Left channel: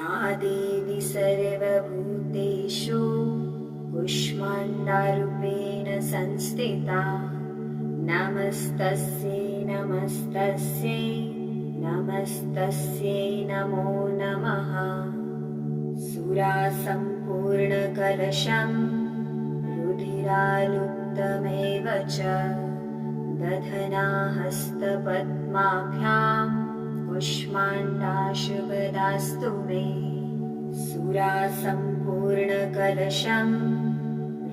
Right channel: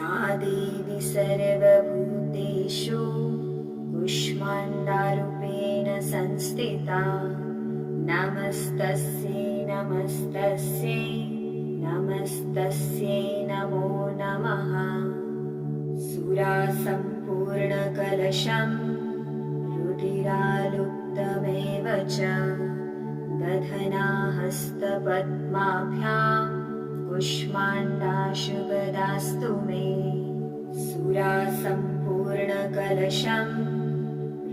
या देवी सर्वभूतेषु कूष्माण्डारूपेण संस्थिता नमस्तस्यै नमस्तस्यै नमस्तस्यै नमो नमः। सुरासम्पूर्णकलशं रुधिरालुप्तमेव च दधना हस्तपद्माभ्यां कूष्माण्डाशुपदास्तु मे। सुरासम्पूर्णकलशं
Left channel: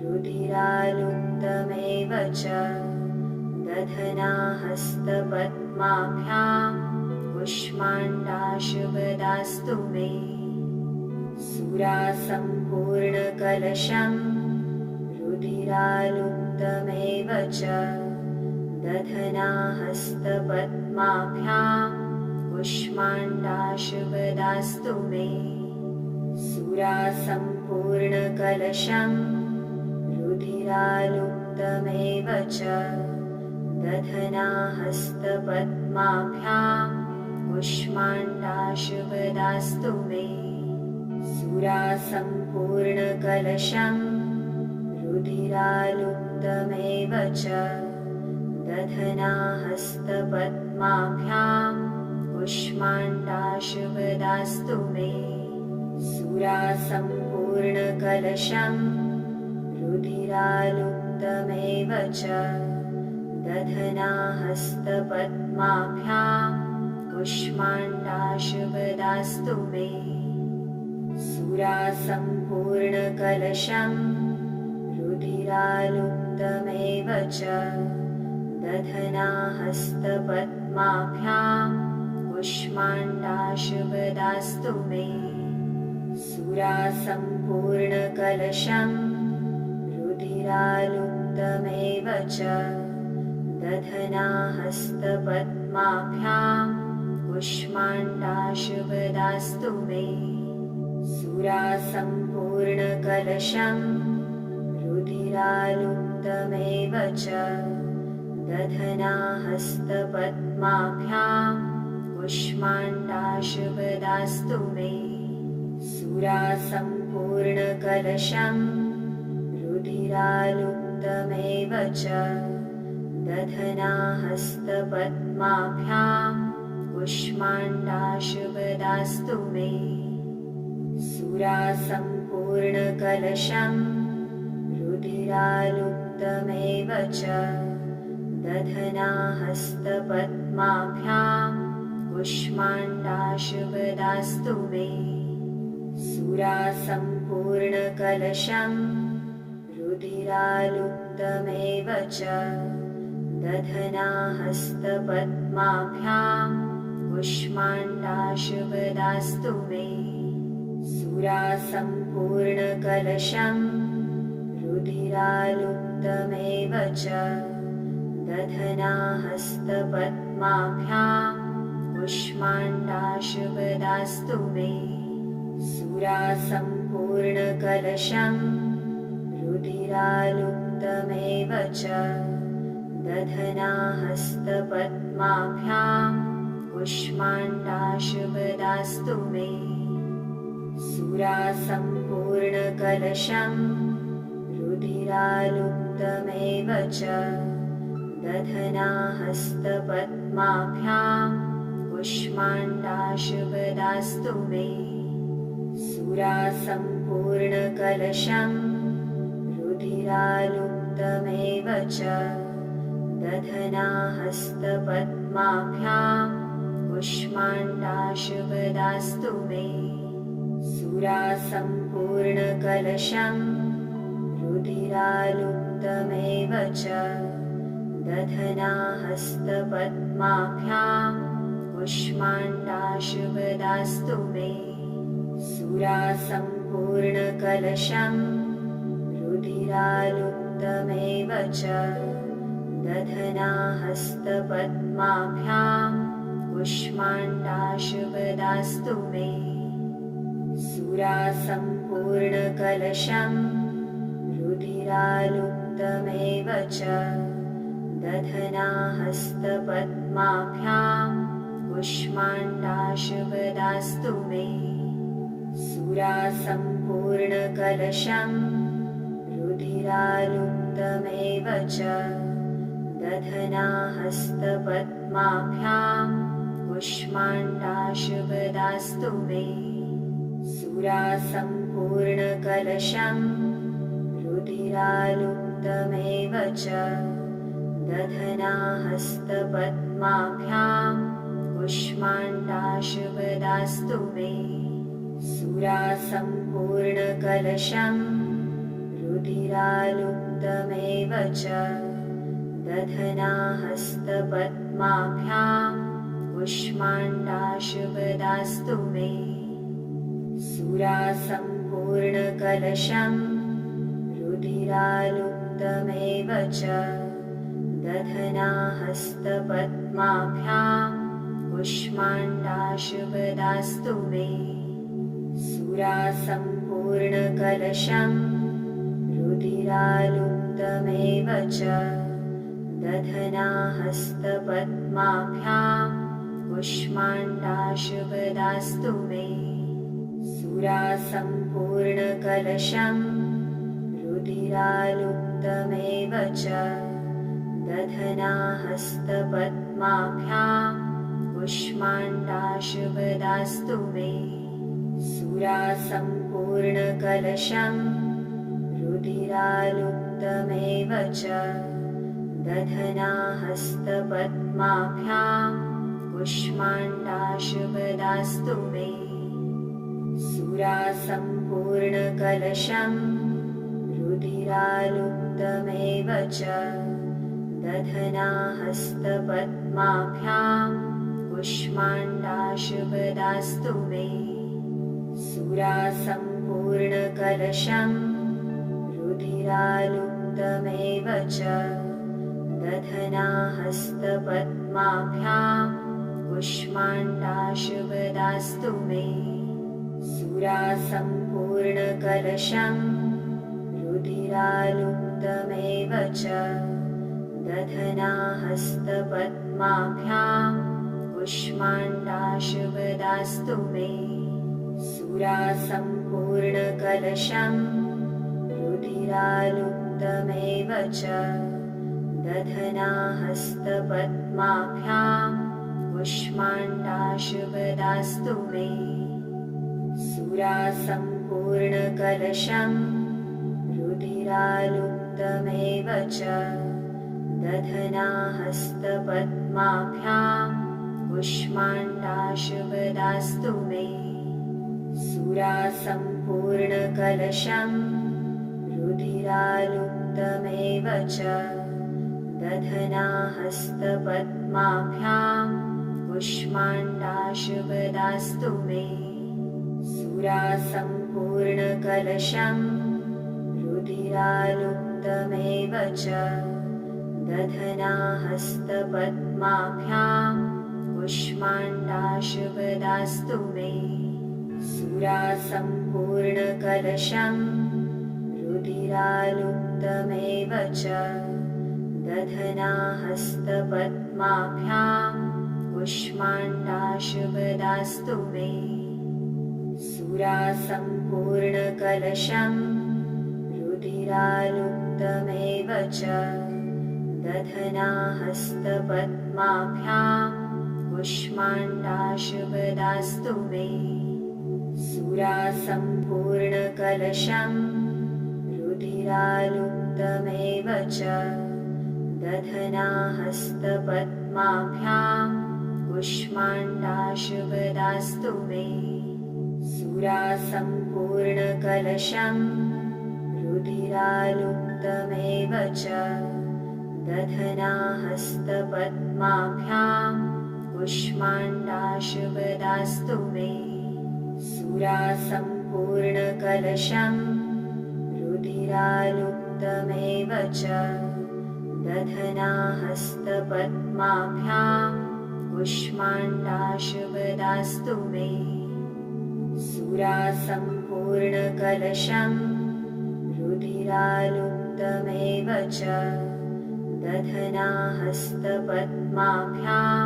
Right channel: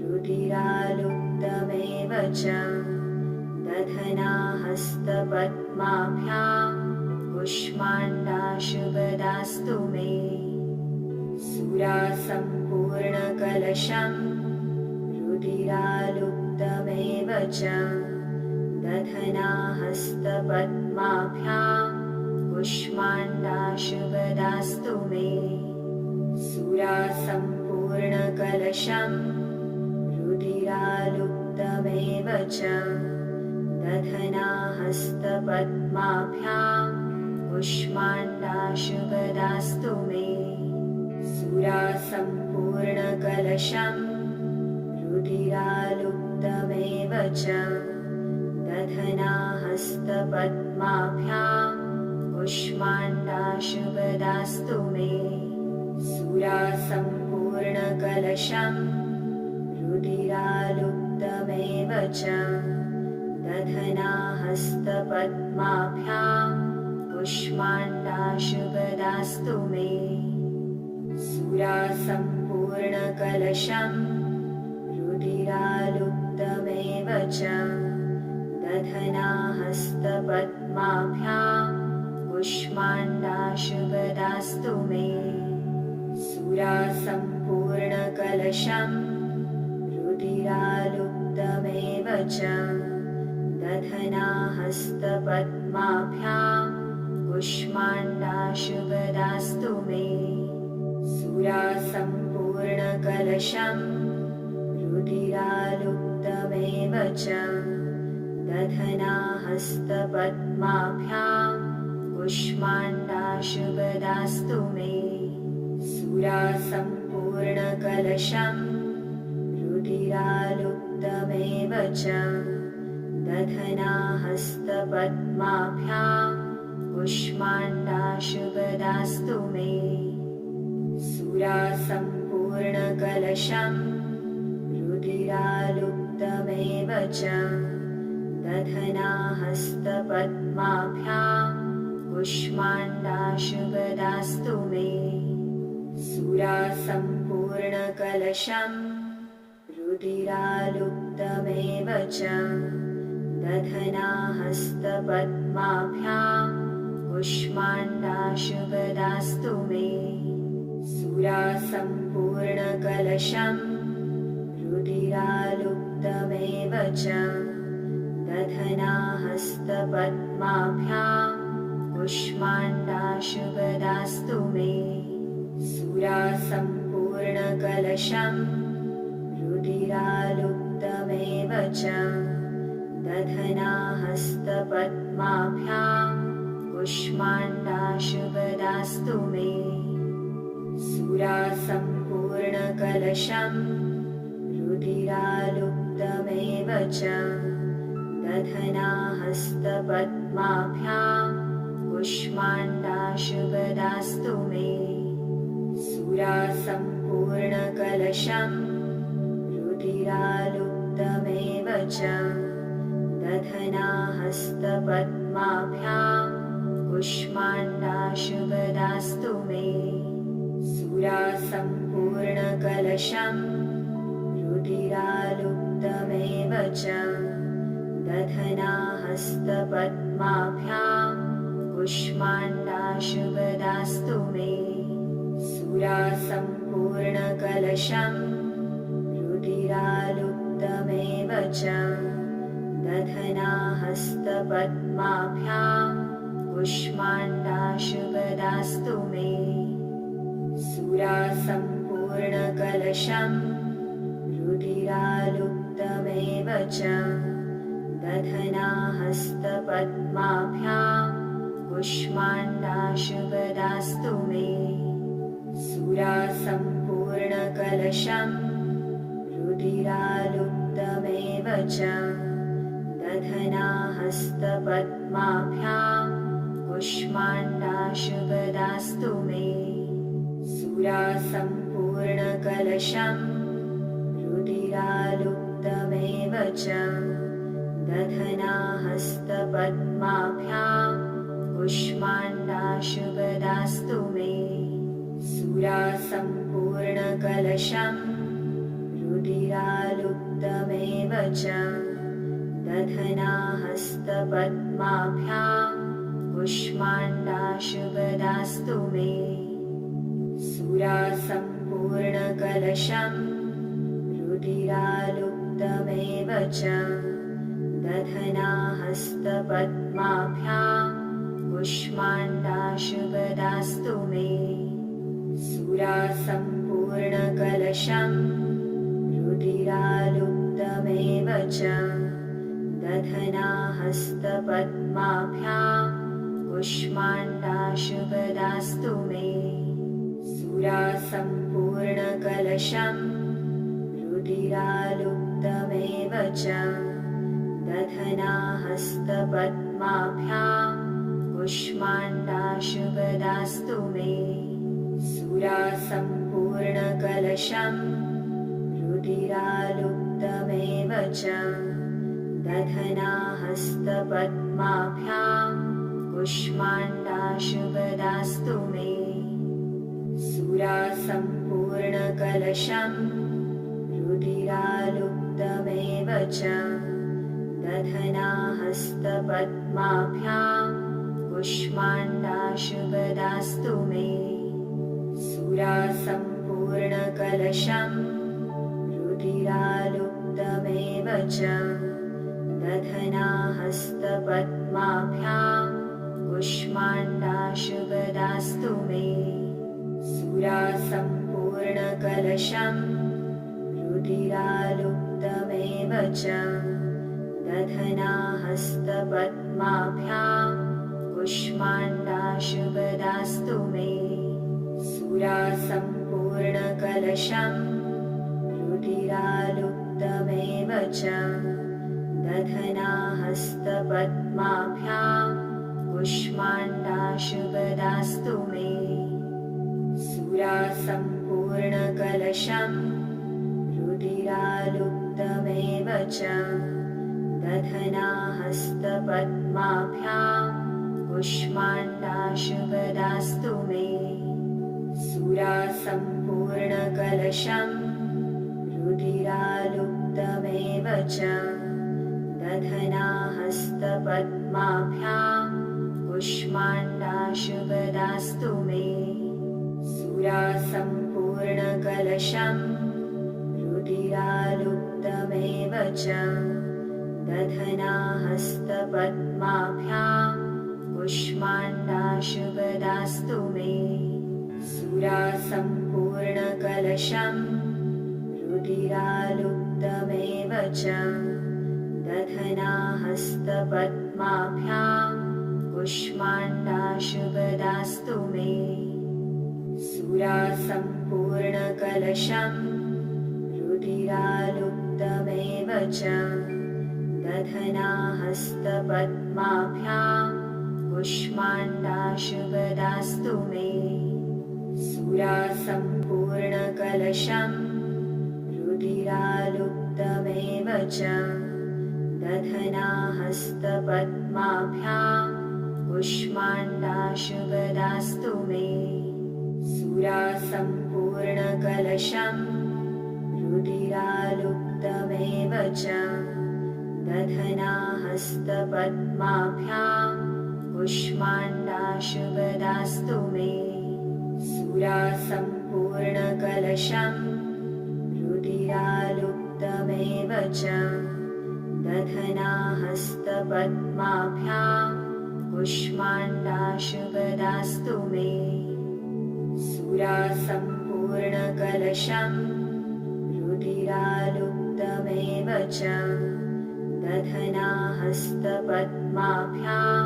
रुधिरालुप्तमेव च दधना हस्तपद्माभ्यां कूष्माण्डाशुपदास्तु मे। सुरासम्पूर्णकलशं रुधिरालुप्तमेव च दधना हस्तपद्माभ्यां कूष्माण्डाशुपदास्तु मे। सुरासम्पूर्णकलशं रुधिरालुप्तमेव च दधना हस्तपद्माभ्यां कूष्माण्डाशुपदास्तु मे। सुरासम्पूर्णकलशं रुधिरालुप्तमेव च दधना हस्तपद्माभ्यां कूष्माण्डाशुपदास्तु मे। सुरासम्पूर्णकलशं रुधिरालुप्तमेव च दधना हस्तपद्माभ्यां कूष्माण्डाशुपदास्तु मे। सुरासम्पूर्णकलशं रुधिरालुप्तमेव च दधना हस्तपद्माभ्यां कूष्माण्डाशुपदास्तु मे। सुरासम्पूर्णकलशं रुधिरालुप्तमेव च दधना हस्तपद्माभ्यां कूष्माण्डाशुपदास्तु मे। सुरासम्पूर्णकलशं रुधिरालुप्तमेव च दधना हस्तपद्माभ्यां कूष्माण्डाशुपदास्तु मे। सुरासम्पूर्णकलशं रुधिरालुप्तमेव च दधना हस्तपद्माभ्यां कूष्माण्डाशुपदास्तु मे। सुरासम्पूर्णकलशं रुधिरालुप्तमेव च दधना हस्तपद्माभ्यां कूष्माण्डाशुपदास्तु मे। सुरासम्पूर्णकलशं रुधिरालुप्तमेव च दधना हस्तपद्माभ्यां कूष्माण्डाशुपदास्तु मे। सुरासम्पूर्णकलशं रुधिरालुप्तमेव च दधना हस्तपद्माभ्यां कूष्माण्डाशुपदास्तु मे। सुरासम्पूर्णकलशं रुधिरालुप्तमेव च दधना हस्तपद्माभ्यां कूष्माण्डाशुपदास्तु मे। सुरासम्पूर्णकलशं रुधिरालुप्तमेव च दधना हस्तपद्माभ्यां कूष्माण्डाशुपदास्तु मे। सुरासम्पूर्णकलशं रुधिरालुप्तमेव च दधना हस्तपद्माभ्यां कूष्माण्डाशुपदास्तु मे। सुरासम्पूर्णकलशं रुधिरालुप्तमेव च दधना हस्तपद्माभ्यां कूष्माण्डाशुपदास्तु मे। सुरासम्पूर्णकलशं रुधिरालुप्तमेव च दधना हस्तपद्माभ्यां कूष्माण्डाशुपदास्तु मे। सुरासम्पूर्णकलशं रुधिरालुप्तमेव च दधना हस्तपद्माभ्यां कूष्माण्डाशुपदास्तु मे। सम्पूर्णकलशं रुधिरालुप्तमेव च दधना हस्तपद्माभ्यां कुष्माण्डाशुपदास्तु मे सुरा सम्पूर्णकलशं रुधिरालुप्तमेव च दधना हस्तपद्माभ्यां कुष्माण्डाशुपदास्तु मे सुरा सम्पूर्णकलशं रुधिरालुप्तमेव च दधना हस्तपद्माभ्यां कुष्माण्डाशुपदास्तु मे सुरा सम्पूर्णकलशं रुधिरालुप्तमेव च दधना हस्तपद्माभ्यां कुष्माण्डाशुपदास्तु मे सुरा सम्पूर्णकलशं रुधिरालुप्तमेव च दधना हस्तपद्माभ्यां कुष्माण्डाशुपदास्तु मे सुरा सम्पूर्णकलशं रुधिरालुप्तमेव च दधना हस्तपद्माभ्यां कुष्माण्डाशुपदास्तु मे सुरा सम्पूर्णकलशं रुधिरालुप्तमेव च दधना हस्तपद्माभ्यां कुष्माण्डाशुपदास्तु मे सुरा सम्पूर्णकलशं रुधिरालुप्तमेव च दधना हस्तपद्माभ्यां कुष्माण्डाशुपदास्तु मे सुरा सम्पूर्णकलशं रुधिरालुप्तमेव च दधना हस्तपद्माभ्यां कुष्माण्डाशुपदास्तु मे सुरा सम्पूर्णकलशं रुधिरालुप्तमेव च दधना हस्तपद्माभ्यां कुष्माण्डाशुपदास्तु मे सुरा सम्पूर्णकलशं रुधिरालुप्तमेव च दधना हस्तपद्माभ्यां कुष्माण्डाशुपदास्तु मे सुरा सम्पूर्णकलशं रुधिरालुप्तमेव च दधना हस्तपद्माभ्यां कुष्माण्डाशुपदास्तु मे सुरा सम्पूर्णकलशं रुधिरालुप्तमेव च दधना हस्तपद्माभ्यां कुष्माण्डाशुपदास्तु मे सुरा सम्पूर्णकलशं रुधिरालुप्तमेव च दधना हस्तपद्माभ्यां कुष्माण्डाशुपदास्तु मे सुरा सम्पूर्णकलशं रुधिरालुप्तमेव च दधना हस्तपद्माभ्यां कुष्माण्डाशुपदास्तु मे सुरा सम्पूर्णकलशं रुधिरालुप्तमेव च दधना हस्तपद्माभ्यां कुष्माण्डाशुपदास्तु मे सुरा सम्पूर्णकलशं रुधिरालुप्तमेव च दधना हस्तपद्माभ्यां कुष्माण्डाशुपदास्तु मे सुरा सम्पूर्णकलशं रुधिरालुप्तमेव च दधना हस्तपद्माभ्यां कुष्माण्डाशुपदास्तु मे सुरा सम्पूर्णकलशं रुधिरालुप्तमेव च दधना हस्तपद्माभ्यां कुष्माण्डाशुपदास्तु मे सुरा सम्पूर्णकलशं रुधिरालुप्तमेव च दधना हस्तपद्माभ्यां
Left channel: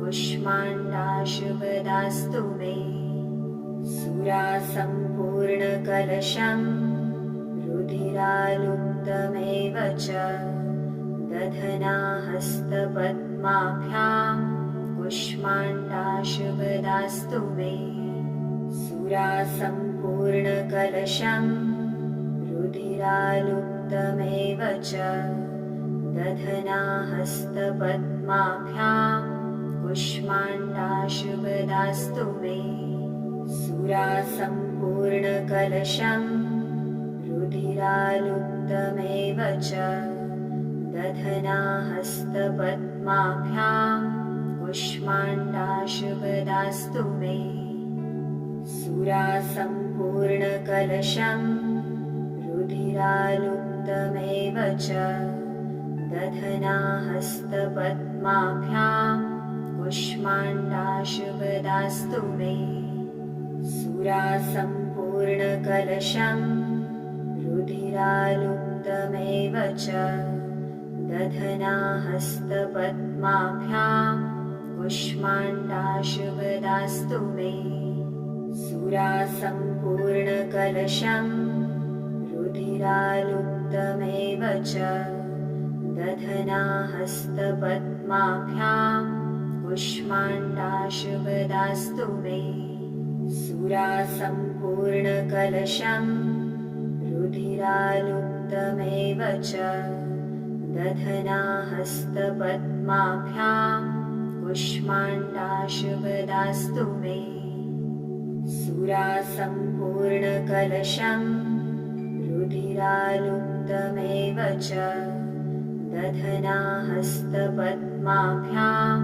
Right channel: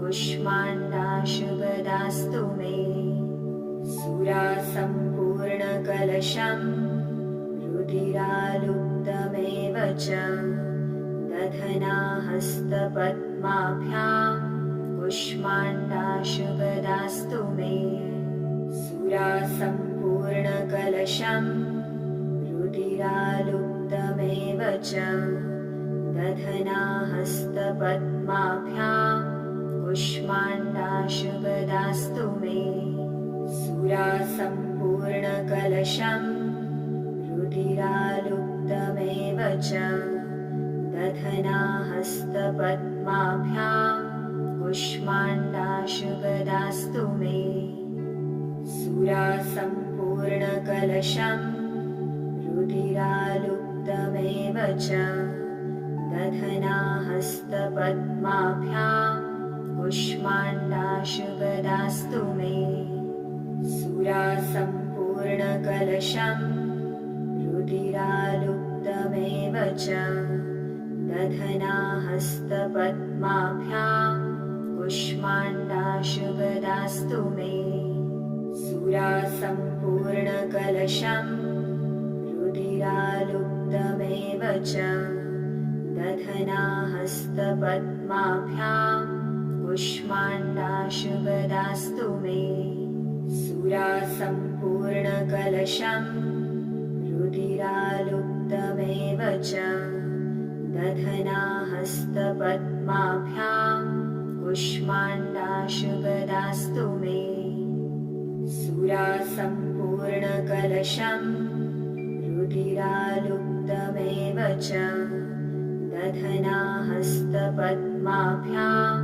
कुष्माण्डाशुपदास्तु मे सुरा सम्पूर्णकलशं सम्पूर्णकलशं रुधिरालुप्तमेव च दधनाहस्तपद्माभ्यां कुष्माण्डाशुपदास्तु मे सुरासम्पूर्णकलशं रुधिरालुप्तमेव च दधनाहस्तपद्माभ्यां कुष्माण्डाशुपदास्तु मे सुरासम्पूर्णकलशं रुधिरालुप्तमेव च दधनाहस्तपद्माभ्यां कुष्माण्डाशुपदास्तु मे सुरासम्पूर्णकलशं रुधिरालुप्तमेव च दधनाहस्तपद्माभ्यां कुष्माण्डाशुपदास्तु मे सुरासम्पूर्णकलशं रुधिरालुप्तमेव च दधनाहस्तपद्माभ्यां कुष्माण्डाशुपदास्तु मे सुरासम्पूर्णकलशं रुधिरालुप्तमेव च दधनाहस्तपद्माभ्यां कुष्माण्डाशुपदास्तु मे सुरासम्पूर्णकलशं रुधिरालुप्तमेव च दधनाहस्तपद्माभ्यां कुष्माण्डाशुपदास्तु मे सुरासम्पूर्णकलशं रुधिरालुप्तमेव च दधनाहस्तपद्माभ्यां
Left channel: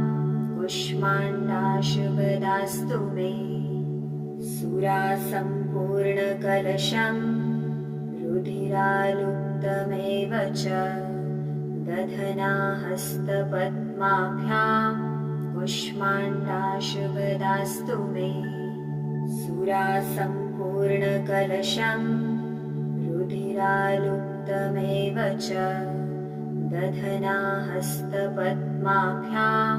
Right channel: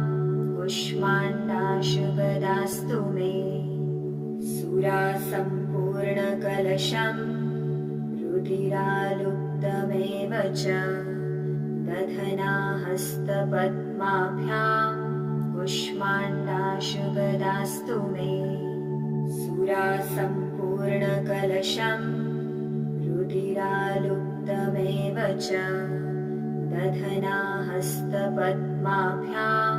कुष्माण्डाशुपदास्तु मे सुरासम्पूर्णकलशं रुधिरालुप्तमेव च दधनाहस्तपद्माभ्यां कुष्माण्डाशुपदास्तु मे सुरासम्पूर्णकलशं रुधिरालुप्तमेव च दधनाहस्तपद्माभ्यां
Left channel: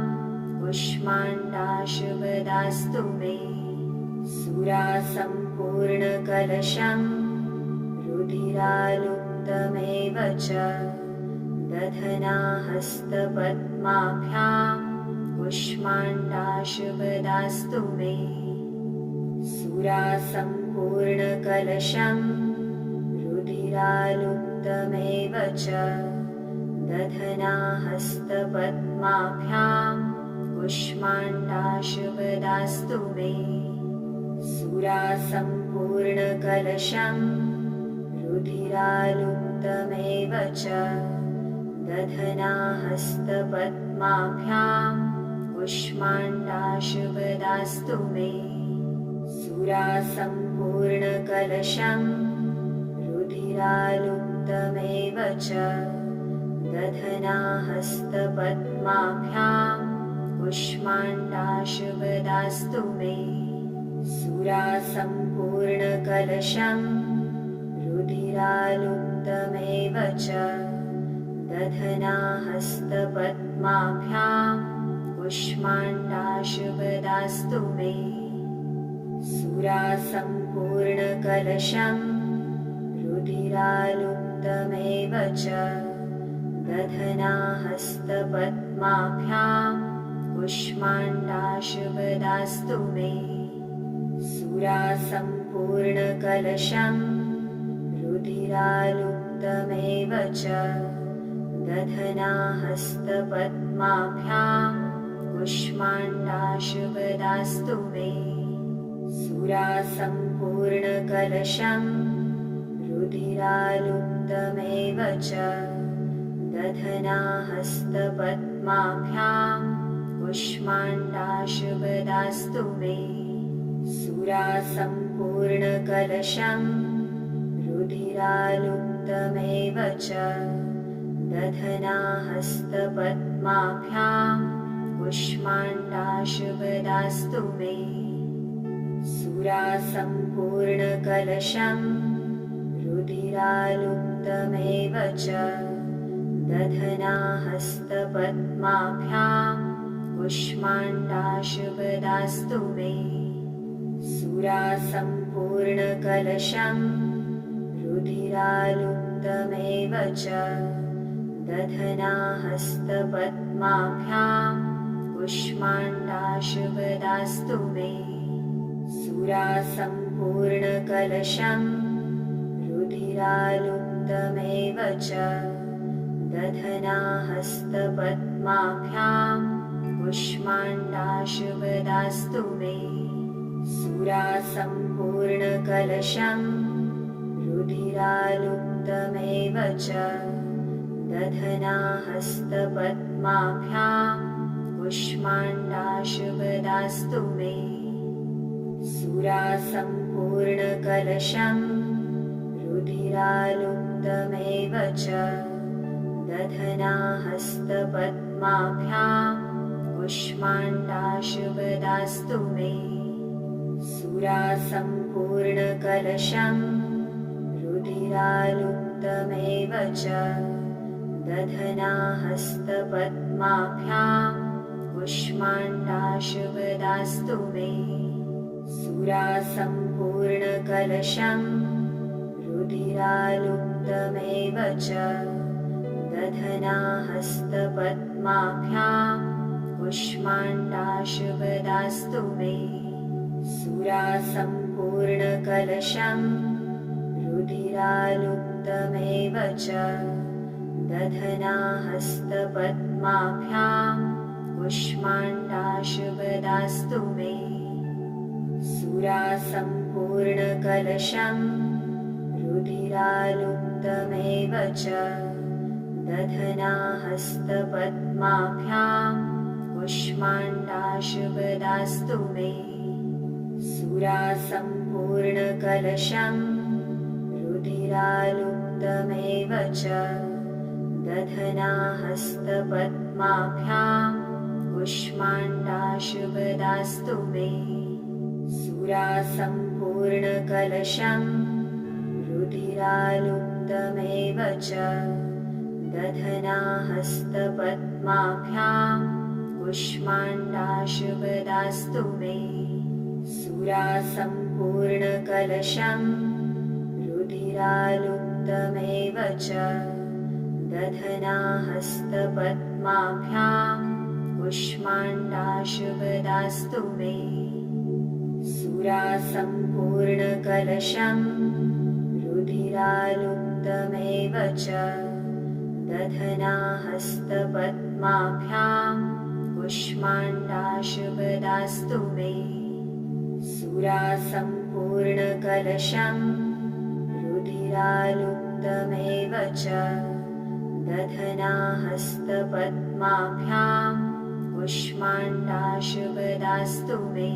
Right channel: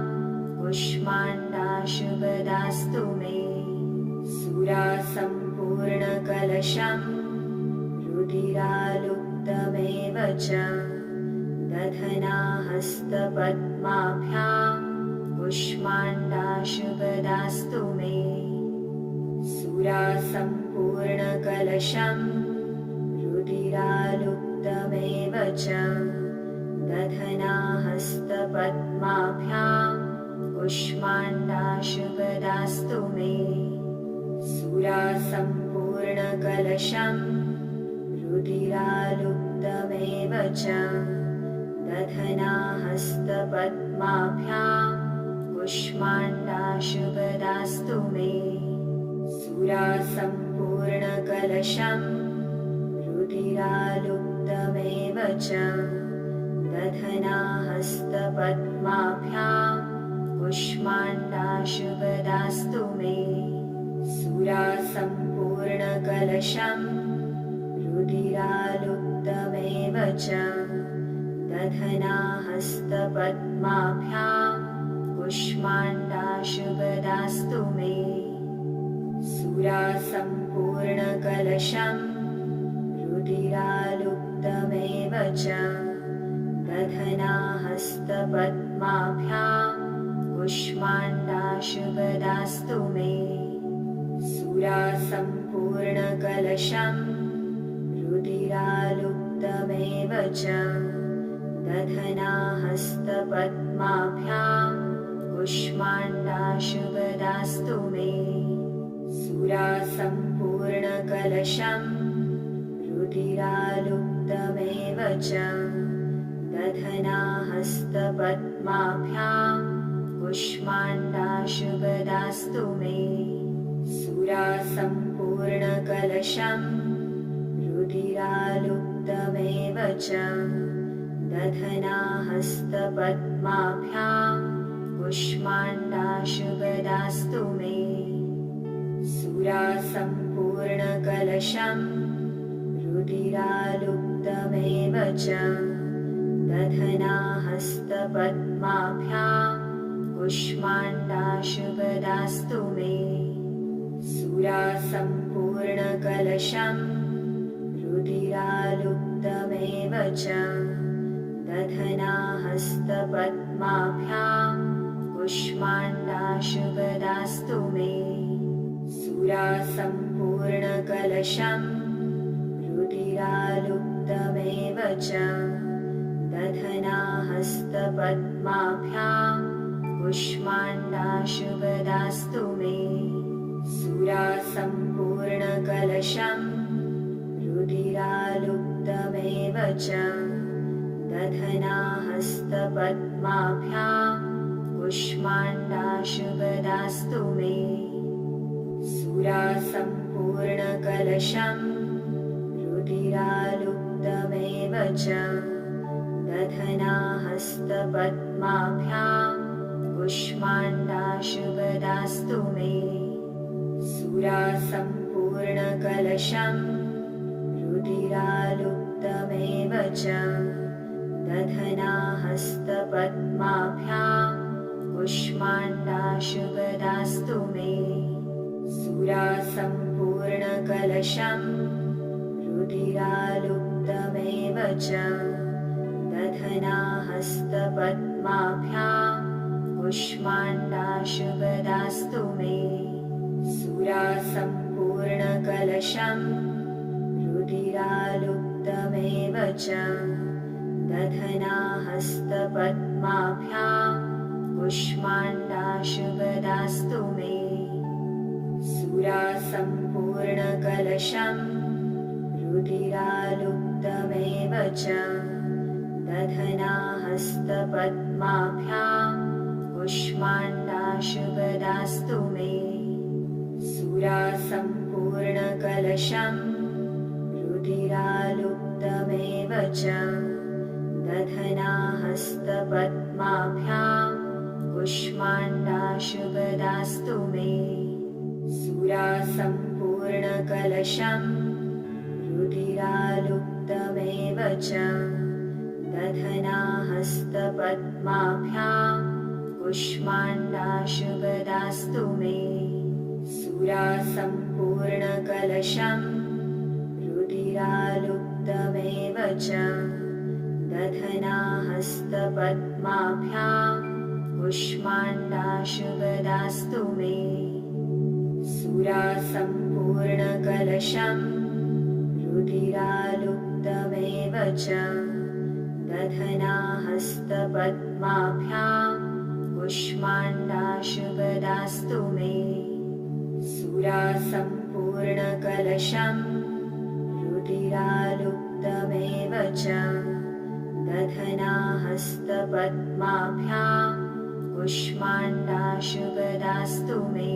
कुष्माण्डाशुपदास्तु मे सुरासम्पूर्णकलशं रुधिरालुप्तमेव च दधनाहस्तपद्माभ्यां कुष्माण्डाशुपदास्तु मे सुरासम्पूर्णकलशं रुधिरालुप्तमेव च दधनाहस्तपद्माभ्यां कुष्माण्डाशुपदास्तु मे सुरासम्पूर्णकलशं रुधिरालुप्तमेव च दधनाहस्तपद्माभ्यां कुष्माण्डाशुपदास्तु मे सुरासम्पूर्णकलशं रुधिरालुप्तमेव च दधनाहस्तपद्माभ्यां कुष्माण्डाशुपदास्तु मे सुरासम्पूर्णकलशं रुधिरालुप्तमेव च दधनाहस्तपद्माभ्यां कुष्माण्डाशुपदास्तु मे सुरासम्पूर्णकलशं रुधिरालुप्तमेव च दधनाहस्तपद्माभ्यां कुष्माण्डाशुपदास्तु मे सुरासम्पूर्णकलशं रुधिरालुप्तमेव च दधनाहस्तपद्माभ्यां कुष्माण्डाशुपदास्तु मे सुरासम्पूर्णकलशं रुधिरालुप्तमेव च दधनाहस्तपद्माभ्यां कुष्माण्डाशुपदास्तु मे सुरासम्पूर्णकलशं रुधिरालुप्तमेव च दधनाहस्तपद्माभ्यां कुष्माण्डाशुपदास्तु मे सुरासम्पूर्णकलशं रुधिरालुप्तमेव च दधनाहस्तपद्माभ्यां कुष्माण्डाशुपदास्तु मे सुरासम्पूर्णकलशं सम्पूर्णकलशं रुधिरालुप्तमेव च दधनाहस्तपद्माभ्यां कुष्माण्डाशुपदास्तु मे सुरासम्पूर्णकलशं रुधिरालुप्तमेव च दधनाहस्तपद्माभ्यां कुष्माण्डाशुपदास्तु मे सुरासम्पूर्णकलशं रुधिरालुप्तमेव च दधनाहस्तपद्माभ्यां कुष्माण्डाशुपदास्तु मे सुरासम्पूर्णकलशं रुधिरालुप्तमेव च दधनाहस्तपद्माभ्यां कुष्माण्डाशुपदास्तु मे सुरासम्पूर्णकलशं रुधिरालुप्तमेव च दधनाहस्तपद्माभ्यां कुष्माण्डाशुपदास्तु मे सुरासम्पूर्णकलशं रुधिरालुप्तमेव च दधनाहस्तपद्माभ्यां कुष्माण्डाशुपदास्तु मे सुरासम्पूर्णकलशं रुधिरालुप्तमेव च दधनाहस्तपद्माभ्यां कुष्माण्डाशुपदास्तु मे सुरासम्पूर्णकलशं रुधिरालुप्तमेव च दधनाहस्तपद्माभ्यां कुष्माण्डाशुपदास्तु मे सुरासम्पूर्णकलशं रुधिरालुप्तमेव च दधनाहस्तपद्माभ्यां कुष्माण्डाशुपदास्तु मे सुरासम्पूर्णकलशं रुधिरालुप्तमेव च दधनाहस्तपद्माभ्यां कुष्माण्डाशुपदास्तु मे सुरासम्पूर्णकलशं रुधिरालुप्तमेव च दधनाहस्तपद्माभ्यां कुष्माण्डाशुपदास्तु मे सुरासम्पूर्णकलशं रुधिरालुप्तमेव च दधनाहस्तपद्माभ्यां कुष्माण्डाशुपदास्तु मे सुरासम्पूर्णकलशं रुधिरालुप्तमेव च दधनाहस्तपद्माभ्यां कुष्माण्डाशुपदास्तु मे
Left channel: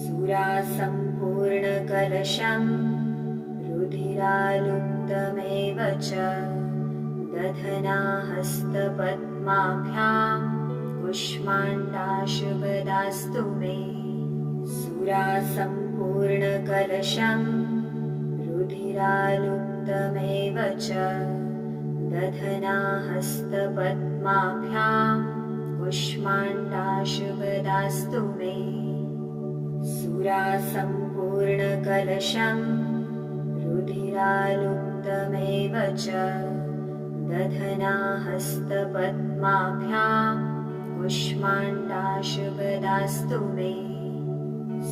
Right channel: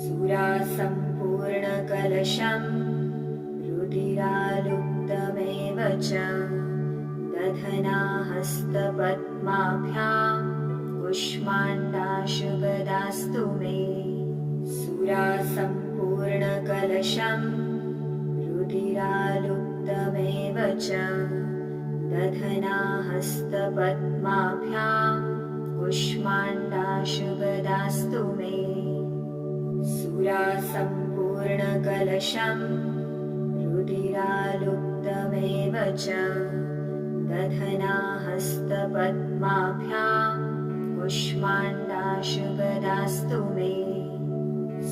सुरासम्पूर्णकलशं रुधिरालुप्तमेव च दधनाहस्तपद्माभ्यां कुष्माण्डाशुपदास्तु मे सुरासम्पूर्णकलशं रुधिरालुप्तमेव च दधनाहस्तपद्माभ्यां कुष्माण्डाशुपदास्तु मे सुरासम्पूर्णकलशं रुधिरालुप्तमेव च दधनाहस्तपद्माभ्यां कुष्माण्डाशुपदास्तु मे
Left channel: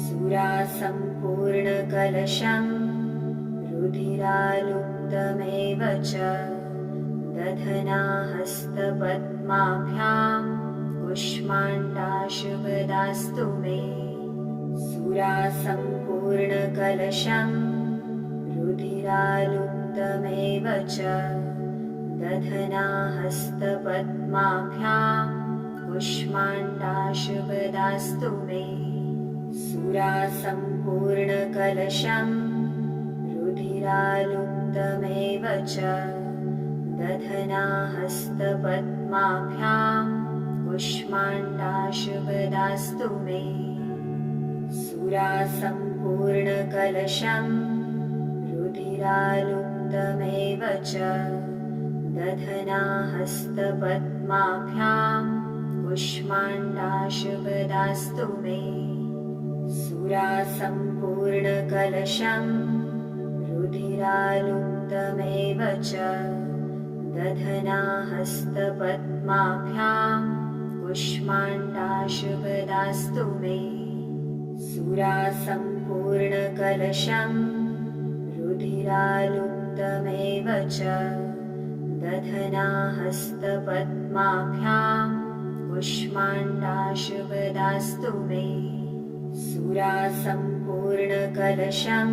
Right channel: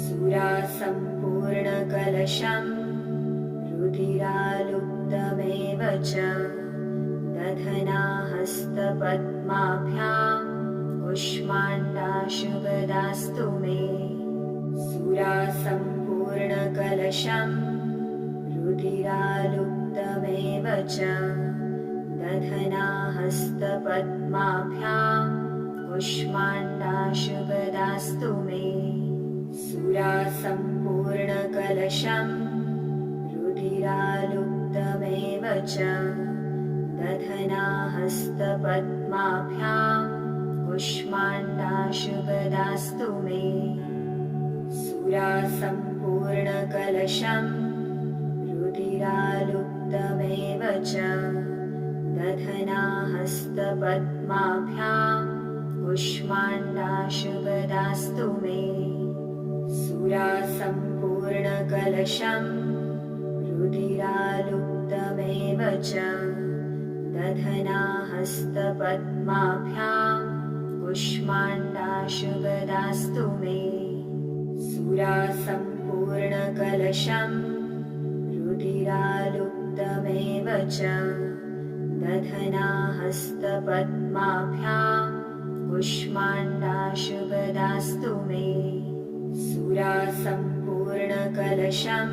सुरासम्पूर्णकलशं रुधिरालुप्तमेव च दधनाहस्तपद्माभ्यां कुष्माण्डाशुपदास्तु मे सुरासम्पूर्णकलशं रुधिरालुप्तमेव च दधनाहस्तपद्माभ्यां कुष्माण्डाशुपदास्तु मे सुरासम्पूर्णकलशं रुधिरालुप्तमेव च दधनाहस्तपद्माभ्यां कुष्माण्डाशुपदास्तु मे सुरासम्पूर्णकलशं रुधिरालुप्तमेव च दधनाहस्तपद्माभ्यां कुष्माण्डाशुपदास्तु मे सुरासम्पूर्णकलशं सम्पूर्णकलशं रुधिरालुप्तमेव च दधनाहस्तपद्माभ्यां कुष्माण्डाशुपदास्तु मे सुरासम्पूर्णकलशं रुधिरालुप्तमेव च दधनाहस्तपद्माभ्यां कुष्माण्डाशुपदास्तु मे सुरासम्पूर्णकलशं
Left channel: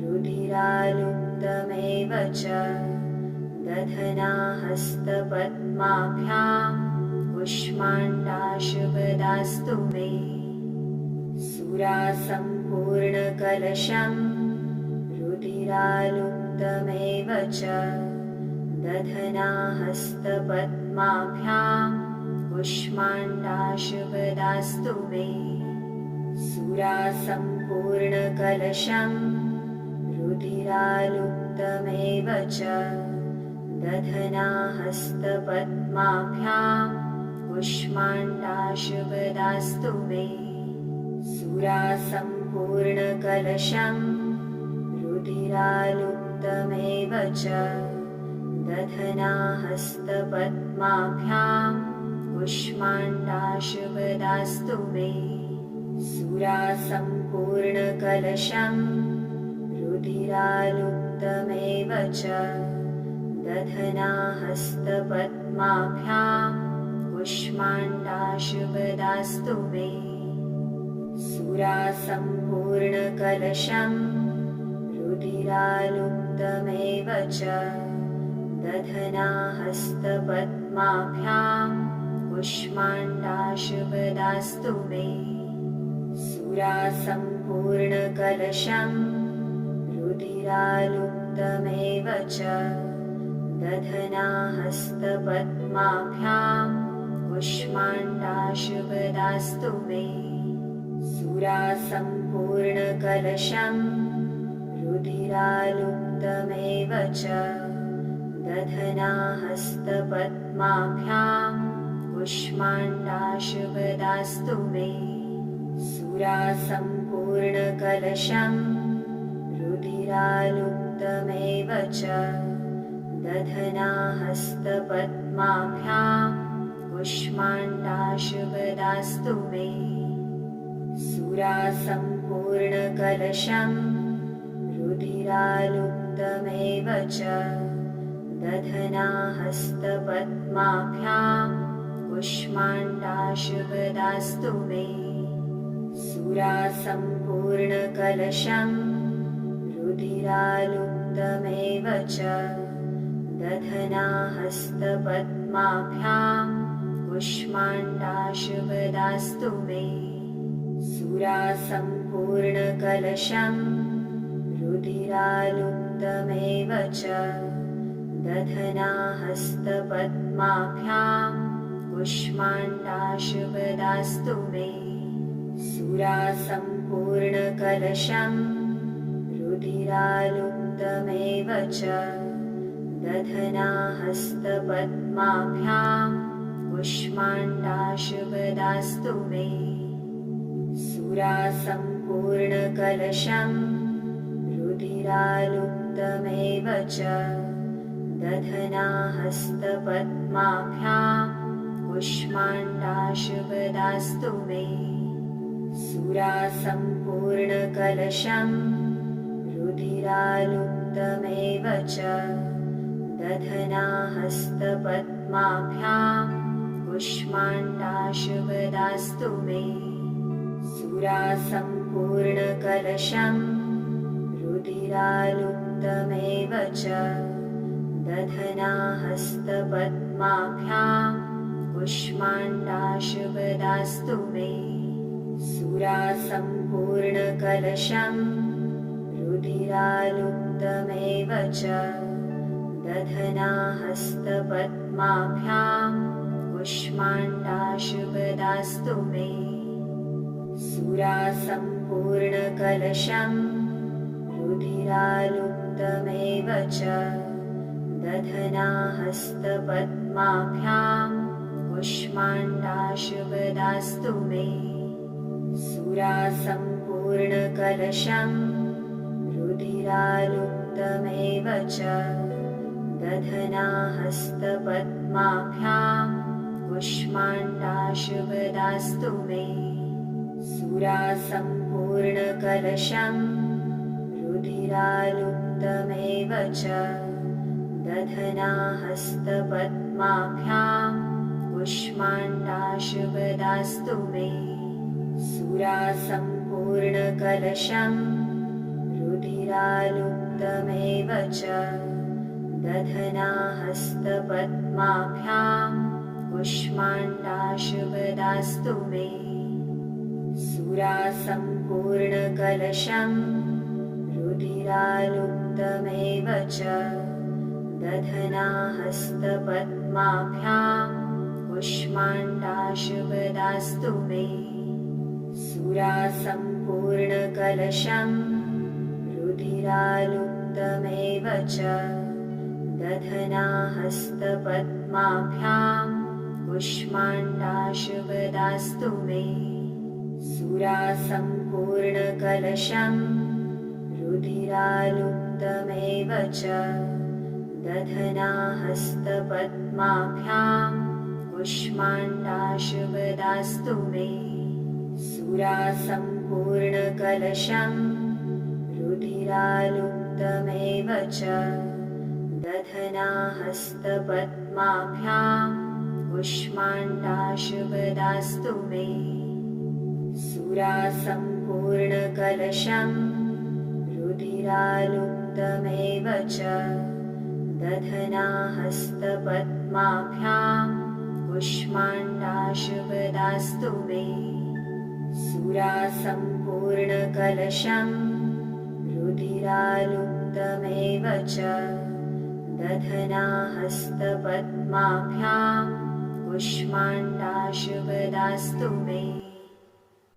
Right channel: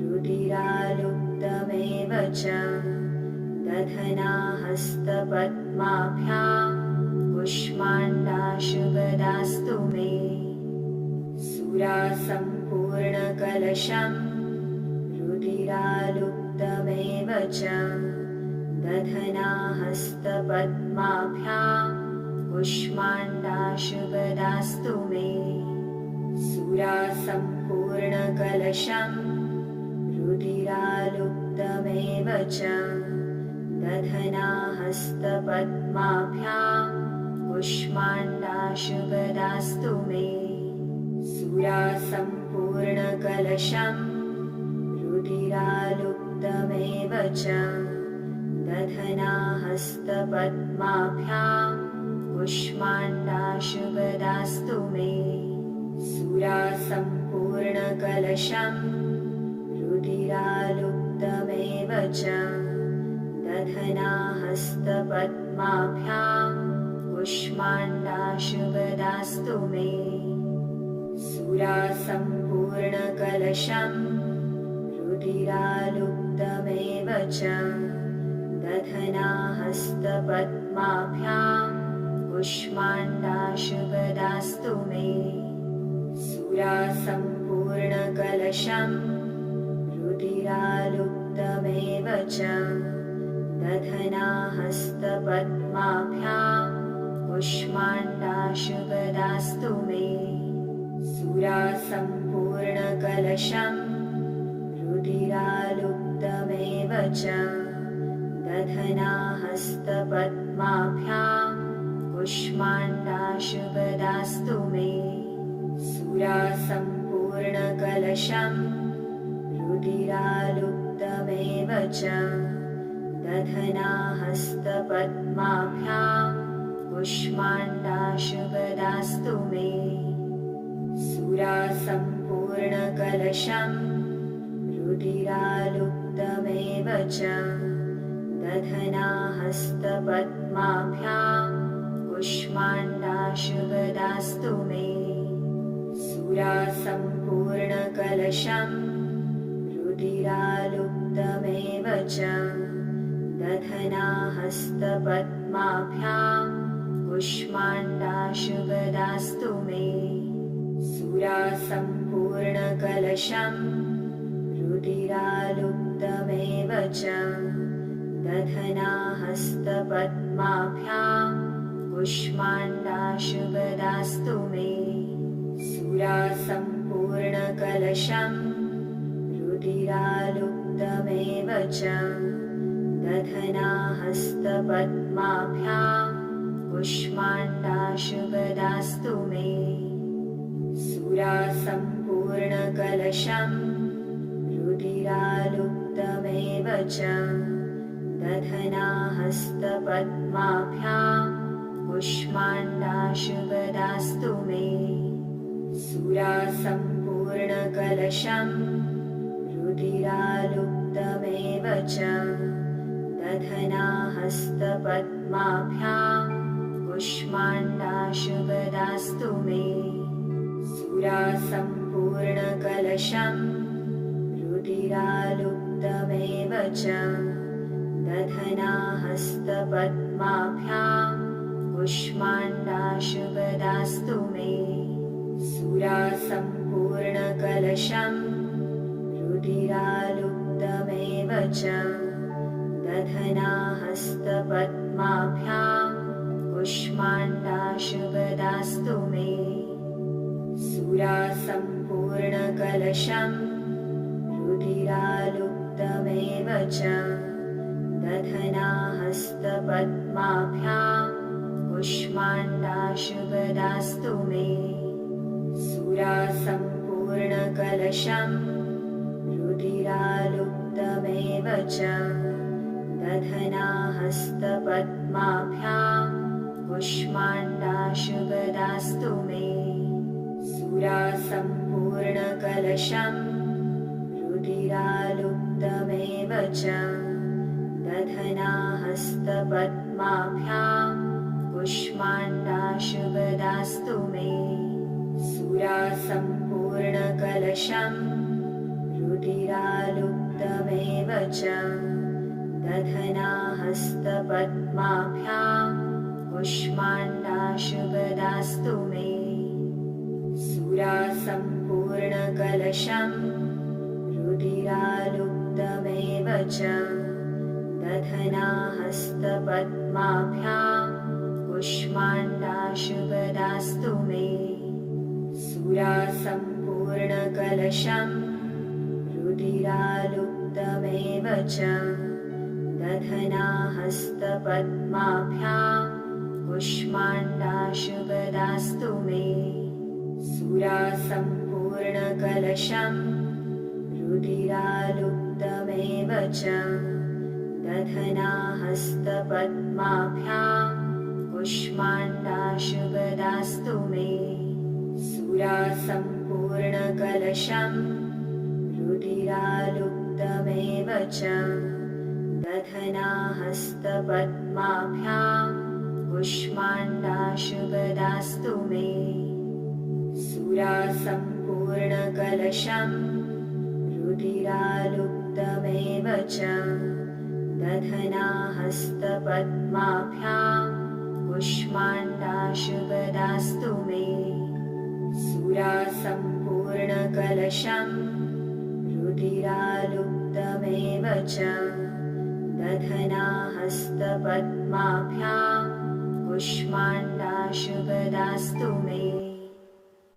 रुधिरालुप्तमेव च दधनाहस्तपद्माभ्यां कुष्माण्डाशुपदास्तु मे सुरासम्पूर्णकलशं रुधिरालुप्तमेव च दधनाहस्तपद्माभ्यां कुष्माण्डाशुपदास्तु मे सुरासम्पूर्णकलशं रुधिरालुप्तमेव च दधनाहस्तपद्माभ्यां कुष्माण्डाशुपदास्तु मे सुरासम्पूर्णकलशं रुधिरालुप्तमेव च दधनाहस्तपद्माभ्यां कुष्माण्डाशुपदास्तु मे सुरासम्पूर्णकलशं रुधिरालुप्तमेव च दधनाहस्तपद्माभ्यां कुष्माण्डाशुपदास्तु मे सुरासम्पूर्णकलशं रुधिरालुप्तमेव च दधनाहस्तपद्माभ्यां कुष्माण्डाशुपदास्तु मे सुरासम्पूर्णकलशं रुधिरालुप्तमेव च दधनाहस्तपद्माभ्यां कुष्माण्डाशुपदास्तु मे सुरासम्पूर्णकलशं रुधिरालुप्तमेव च दधनाहस्तपद्माभ्यां कुष्माण्डाशुपदास्तु मे सुरासम्पूर्णकलशं रुधिरालुप्तमेव च दधनाहस्तपद्माभ्यां कुष्माण्डाशुपदास्तु मे सुरासम्पूर्णकलशं रुधिरालुप्तमेव च दधनाहस्तपद्माभ्यां कुष्माण्डाशुपदास्तु मे सुरासम्पूर्णकलशं रुधिरालुप्तमेव च दधनाहस्तपद्माभ्यां कुष्माण्डाशुपदास्तु मे सुरासम्पूर्णकलशं रुधिरालुप्तमेव च दधनाहस्तपद्माभ्यां कुष्माण्डाशुपदास्तु मे सुरासम्पूर्णकलशं रुधिरालुप्तमेव च दधनाहस्तपद्माभ्यां कुष्माण्डाशुपदास्तु मे सुरासम्पूर्णकलशं रुधिरालुप्तमेव च दधनाहस्तपद्माभ्यां कुष्माण्डाशुपदास्तु मे सुरासम्पूर्णकलशं रुधिरालुप्तमेव च दधनाहस्तपद्माभ्यां कुष्माण्डाशुपदास्तु मे सुरासम्पूर्णकलशं रुधिरालुप्तमेव च दधनाहस्तपद्माभ्यां कुष्माण्डाशुपदास्तु मे सुरासम्पूर्णकलशं रुधिरालुप्तमेव च दधनाहस्तपद्माभ्यां कुष्माण्डाशुपदास्तु मे सुरासम्पूर्णकलशं रुधिरालुप्तमेव च दधनाहस्तपद्माभ्यां कुष्माण्डाशुपदास्तु मे सुरासम्पूर्णकलशं रुधिरालुप्तमेव च दधनाहस्तपद्माभ्यां कुष्माण्डाशुपदास्तु मे सुरासम्पूर्णकलशं रुधिरालुप्तमेव च दधनाहस्तपद्माभ्यां रुधिरालुप्तमेव च दधनाहस्तपद्माभ्यां कुष्माण्डाशुपदास्तु मे सुरासम्पूर्णकलशं सम्पूर्णकलशं रुधिरालुप्तमेव च दधनाहस्तपद्माभ्यां कुष्माण्डाशुपदास्तु मे सुरासम्पूर्णकलशं रुधिरालुप्तमेव च दधनाहस्तपद्माभ्यां कुष्माण्डाशुपदास्तु मे सुरासम्पूर्णकलशं रुधिरालुप्तमेव च दधनाहस्तपद्माभ्यां कुष्माण्डाशुपदास्तु मे सुरासम्पूर्णकलशं रुधिरालुप्तमेव च दधनाहस्तपद्माभ्यां कुष्माण्डाशुपदास्तु मे सुरासम्पूर्णकलशं रुधिरालुप्तमेव च दधनाहस्तपद्माभ्यां कुष्माण्डाशुपदास्तु मे सुरासम्पूर्णकलशं रुधिरालुप्तमेव च दधनाहस्तपद्माभ्यां कुष्माण्डाशुपदास्तु मे सुरासम्पूर्णकलशं रुधिरालुप्तमेव च दधनाहस्तपद्माभ्यां कुष्माण्डाशुपदास्तु मे सुरासम्पूर्णकलशं रुधिरालुप्तमेव च दधनाहस्तपद्माभ्यां कुष्माण्डाशुपदास्तु मे सुरासम्पूर्णकलशं रुधिरालुप्तमेव च दधनाहस्तपद्माभ्यां कुष्माण्डाशुपदास्तु मे